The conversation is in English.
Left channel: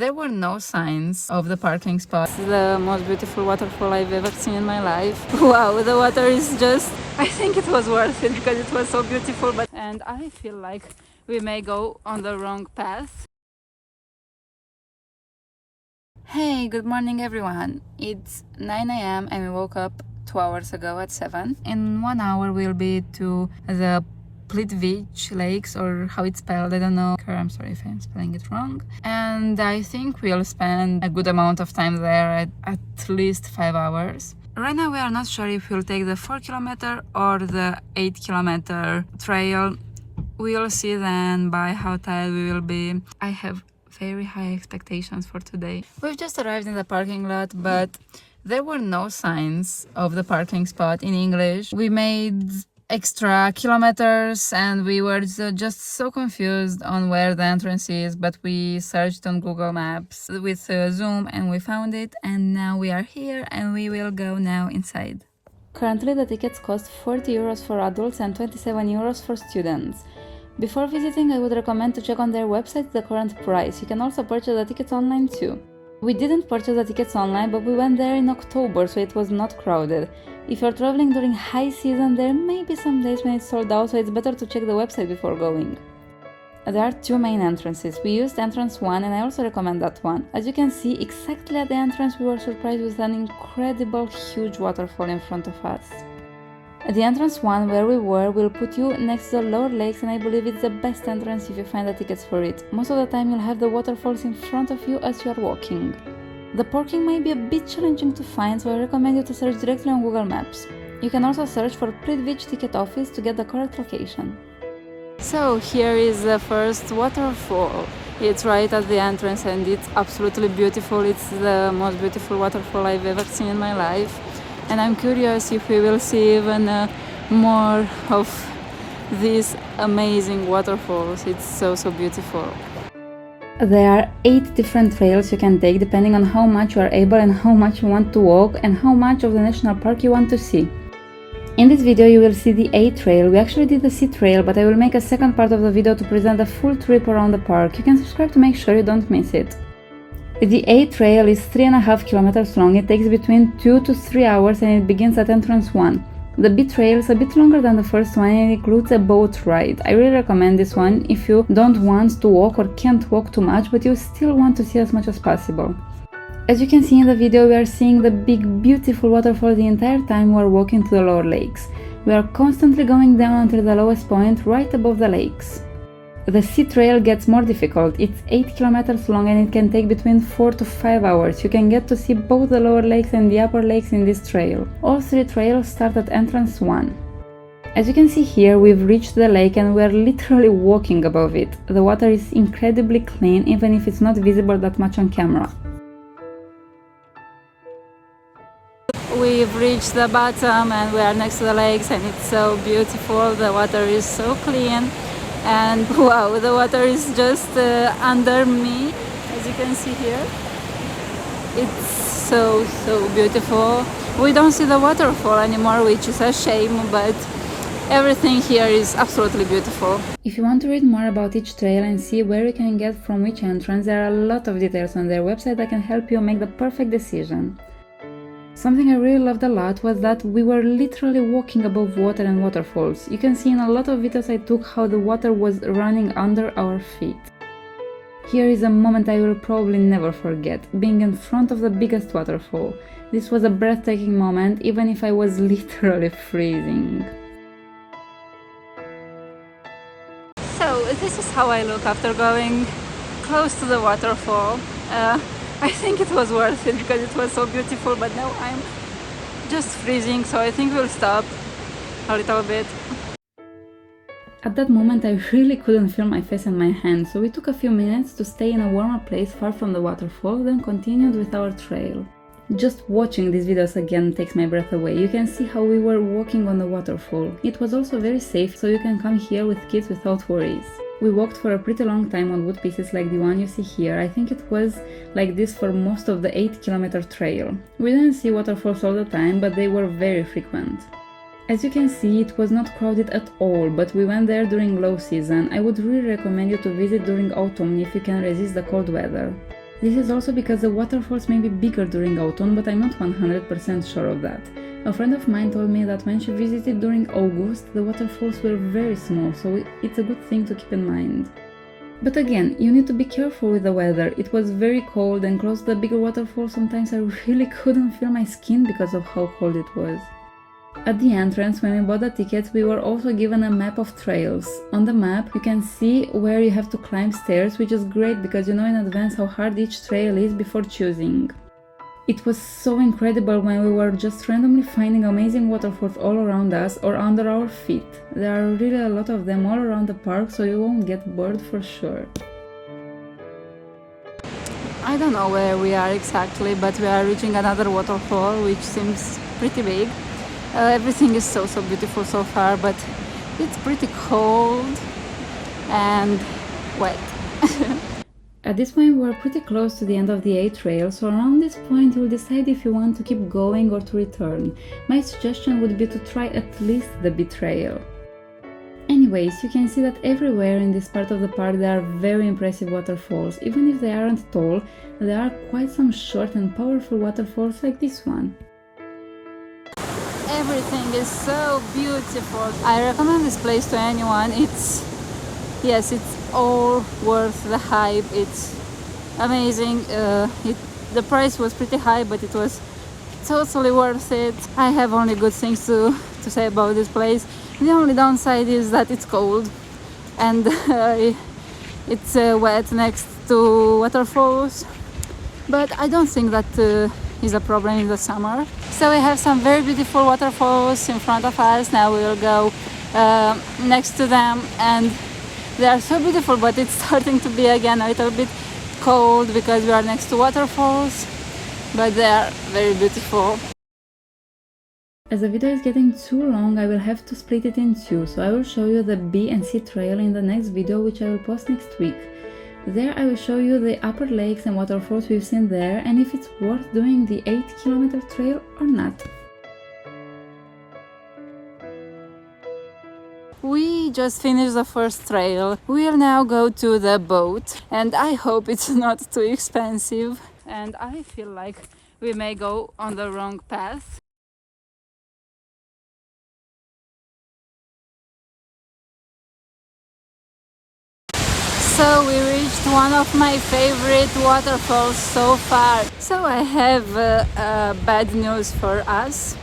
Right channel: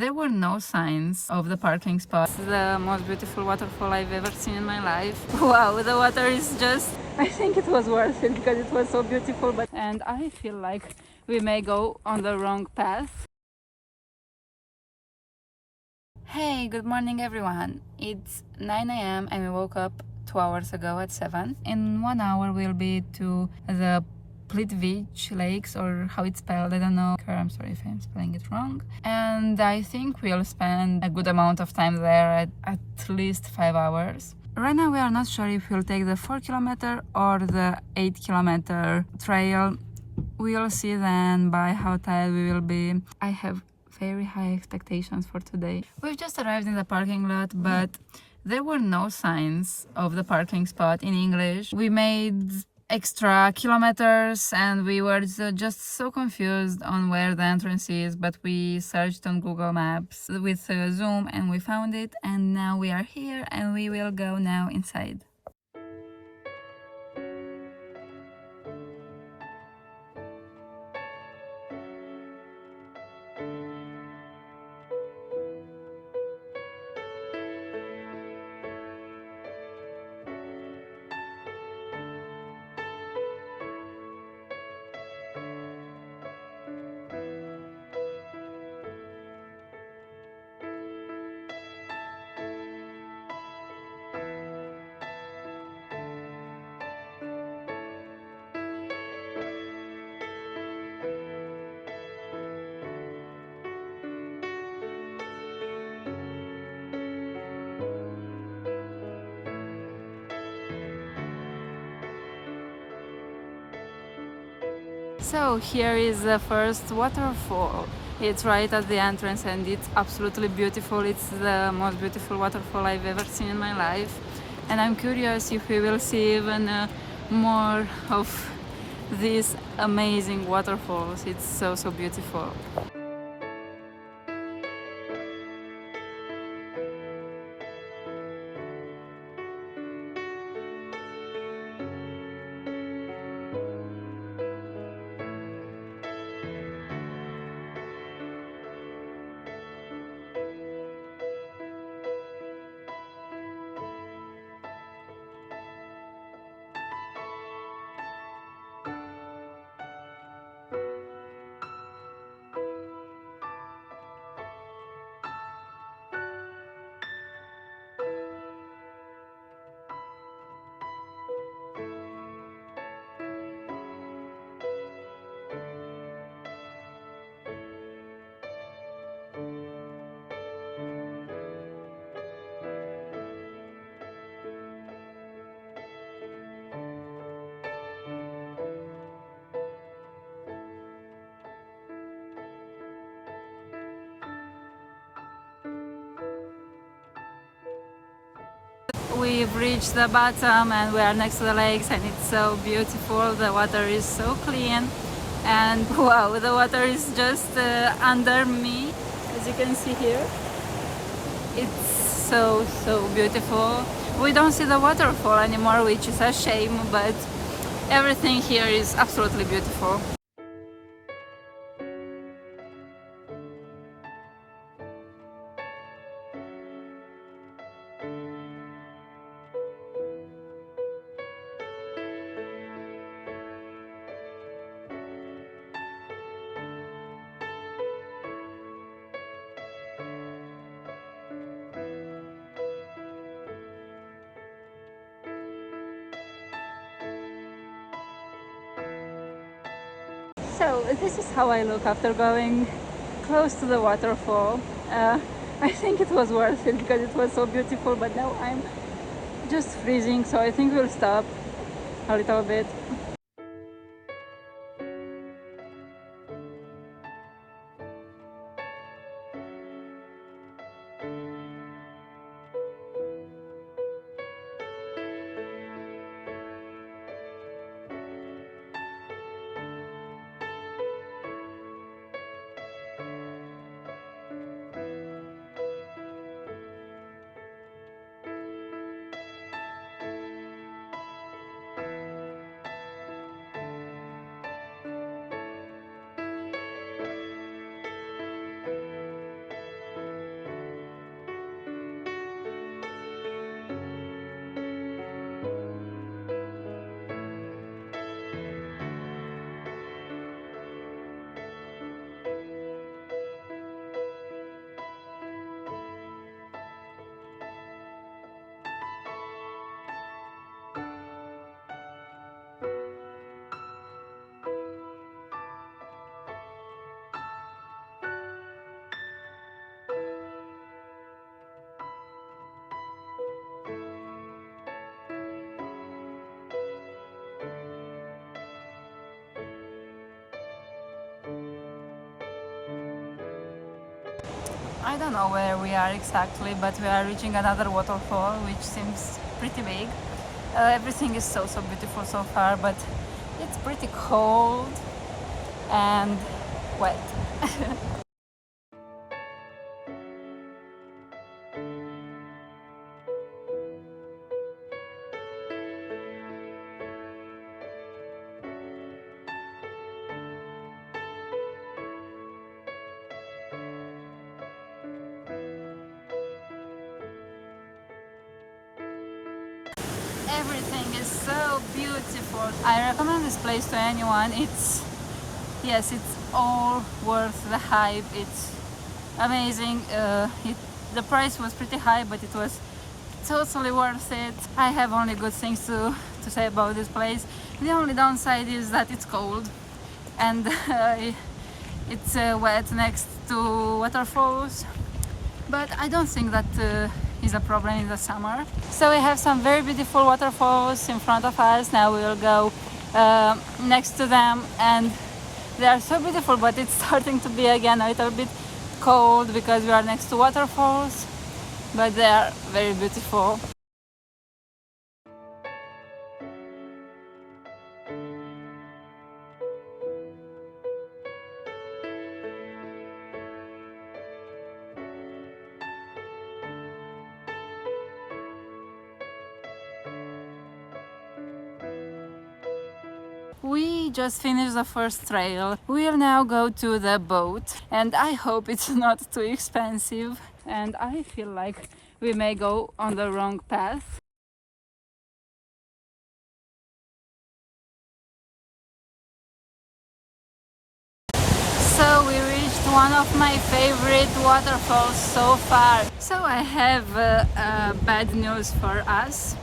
There were no signs of the parking spot. It's the most beautiful waterfall I've ever seen in my life. Wow, the water is just... I think it was worth it because it was so beautiful. And I feel like we may go on the wrong path. Hey, good morning everyone. It's 9 a.m. and we woke up 2 hours ago at 7. In 1 hour we'll be to the Plitvice Lakes, or how it's spelled, I don't know. I'm sorry if I'm spelling it wrong. And I think we'll spend a good amount of time there, at least 5 hours. Right now we are not sure if we'll take the 4-kilometer or the 8-kilometer trail. We'll see then by how tired we will be. I have very high expectations for today. We've just arrived in the parking lot, but there were no signs of the parking spot in English. We made extra kilometers and we were just so confused on where the entrance is, but we searched on Google Maps with Zoom and we found it, and now we are here and we will go now inside. Currently the tickets cost 40 euros for adults and 27 euros for students. Before visiting, I would recommend to check on their website the current price. You can also purchase the tickets online too. We didn't purchase the tickets online, but we went there in October, so it was not crowded. If you're traveling during high season, there may be some days when it's sold out, so it's better to check the website before going. There are two main entrances. We used entrance 1 and I also recommend that one. As you can see, exactly at the entrance we were surprised with an incredible huge waterfall in front of us. At the entrance 1 where we were will put you next to the lower lakes, and I believe it's the best entrance if you find the tickets for it. Most of the time you'll have the waterfalls in front of you as you are walking. The parking might be a bit challenging to find, so I recommend you to search directly on Google Maps. You can also search for Plitvice ticket office to get the correct location. So here is the first waterfall. It's right at the entrance and it's absolutely beautiful. It's the most beautiful waterfall I've ever seen in my life. And I'm curious if we will see even more of these amazing waterfalls. It's so beautiful. There are 8 different trails you can take depending on how much you are able and how much you want to walk and how much of the national park you want to see. In this video you will see the A trail. We actually did the C trail, but I will make a second part of the video to present the full trip around the park. You can subscribe to make sure you don't miss it. The A trail is 3.5 kilometers long. It takes between 2 to 3 hours and it begins at entrance 1. The B trail is a bit longer than the first one and it includes a boat ride. I really recommend this one if you don't want to walk or can't walk too much, but you still want to see as much as possible. As you can see in the video, we are seeing the big beautiful waterfall the entire time we are walking to the lower lakes. We are constantly going down until the lowest point right above the lakes. The C trail gets more difficult. It's 8 kilometers long and it can take between 4 to 5 hours. You can get to see both the lower lakes and the upper lakes in this trail. All 3 trails start at entrance 1. As you can see here, we've reached the lake and we are literally walking above it. The water is incredibly clean, even if it's not visible that much on camera. We've reached the bottom and we are next to the lakes and it's so beautiful. The water is so clean. And wow, the water is just under me, as you can see here. It's so beautiful. We don't see the waterfall anymore, which is a shame, but everything here is absolutely beautiful. If you want to read more about each trail and see where you can get from which entrance, there are a lot of details on their website that can help you make the perfect decision. Something I really loved a lot was that we were literally walking above water and waterfalls. You can see in a lot of videos I took how the water was running under our feet. Here is a moment I will probably never forget, being in front of the biggest waterfall. This was a breathtaking moment, even if I was literally freezing. So this is how I look after going close to the waterfall. I think it was worth it because it was so beautiful, but now I'm just freezing, so I think we'll stop a little bit. At that moment I really couldn't feel my face and my hands, so we took a few minutes to stay in a warmer place far from the waterfall, then continued with our trail. Just watching these videos again takes my breath away. You can see how we were walking on the waterfall. It was also very safe, so you can come here with kids without worries. We walked for a pretty long time on wood pieces like the one you see here. I think it was like this for most of the 8-kilometer trail. We didn't see waterfalls all the time, but they were very frequent. As you can see, it was not crowded at all, but we went there during low season. I would really recommend you to visit during autumn if you can resist the cold weather. This is also because the waterfalls may be bigger during autumn, but I'm not 100% sure of that. A friend of mine told me that when she visited during August, the waterfalls were very small, so it's a good thing to keep in mind. But again, you need to be careful with the weather. It was very cold, and close to the bigger waterfalls sometimes I really couldn't feel my skin because of how cold it was. At the entrance, when we bought the tickets, we were also given a map of trails. On the map, you can see where you have to climb stairs, which is great because you know in advance how hard each trail is before choosing. It was so incredible when we were just randomly finding amazing waterfalls all around us or under our feet. There are really a lot of them all around the park, so you won't get bored for sure. I don't know where we are exactly, but we are reaching another waterfall, which seems pretty big. Everything is so beautiful so far, but it's pretty cold and wet. At this point we're pretty close to the end of the A trail, so around this point you'll decide if you want to keep going or to return. My suggestion would be to try at least the B trail. Anyways, you can see that everywhere in this part of the park there are very impressive waterfalls. Even if they aren't tall, there are quite some short and powerful waterfalls like this one. Everything is so beautiful. I recommend this place to anyone. It's all worth the hype. It's amazing. The price was pretty high, but it was totally worth it. I have only good things to say about this place. The only downside is that it's cold and it's wet next to waterfalls, but I don't think that is a problem in the summer. So we have some very beautiful waterfalls in front of us. Now we will go next to them, and they are so beautiful, but it's starting to be again a little bit cold because we are next to waterfalls, but they are very beautiful. As the video is getting too long, I will have to split it in two, so I will show you the B and C trail in the next video, which I will post next week. There I will show you the upper lakes and waterfalls we've seen there, and if it's worth doing the 8-kilometer trail or not. We just finished the first trail. We'll now go to the boat, and I hope it's not too expensive, and I feel like we may go on the wrong path. So we reached one of my favorite waterfalls so far. So I have bad news for us.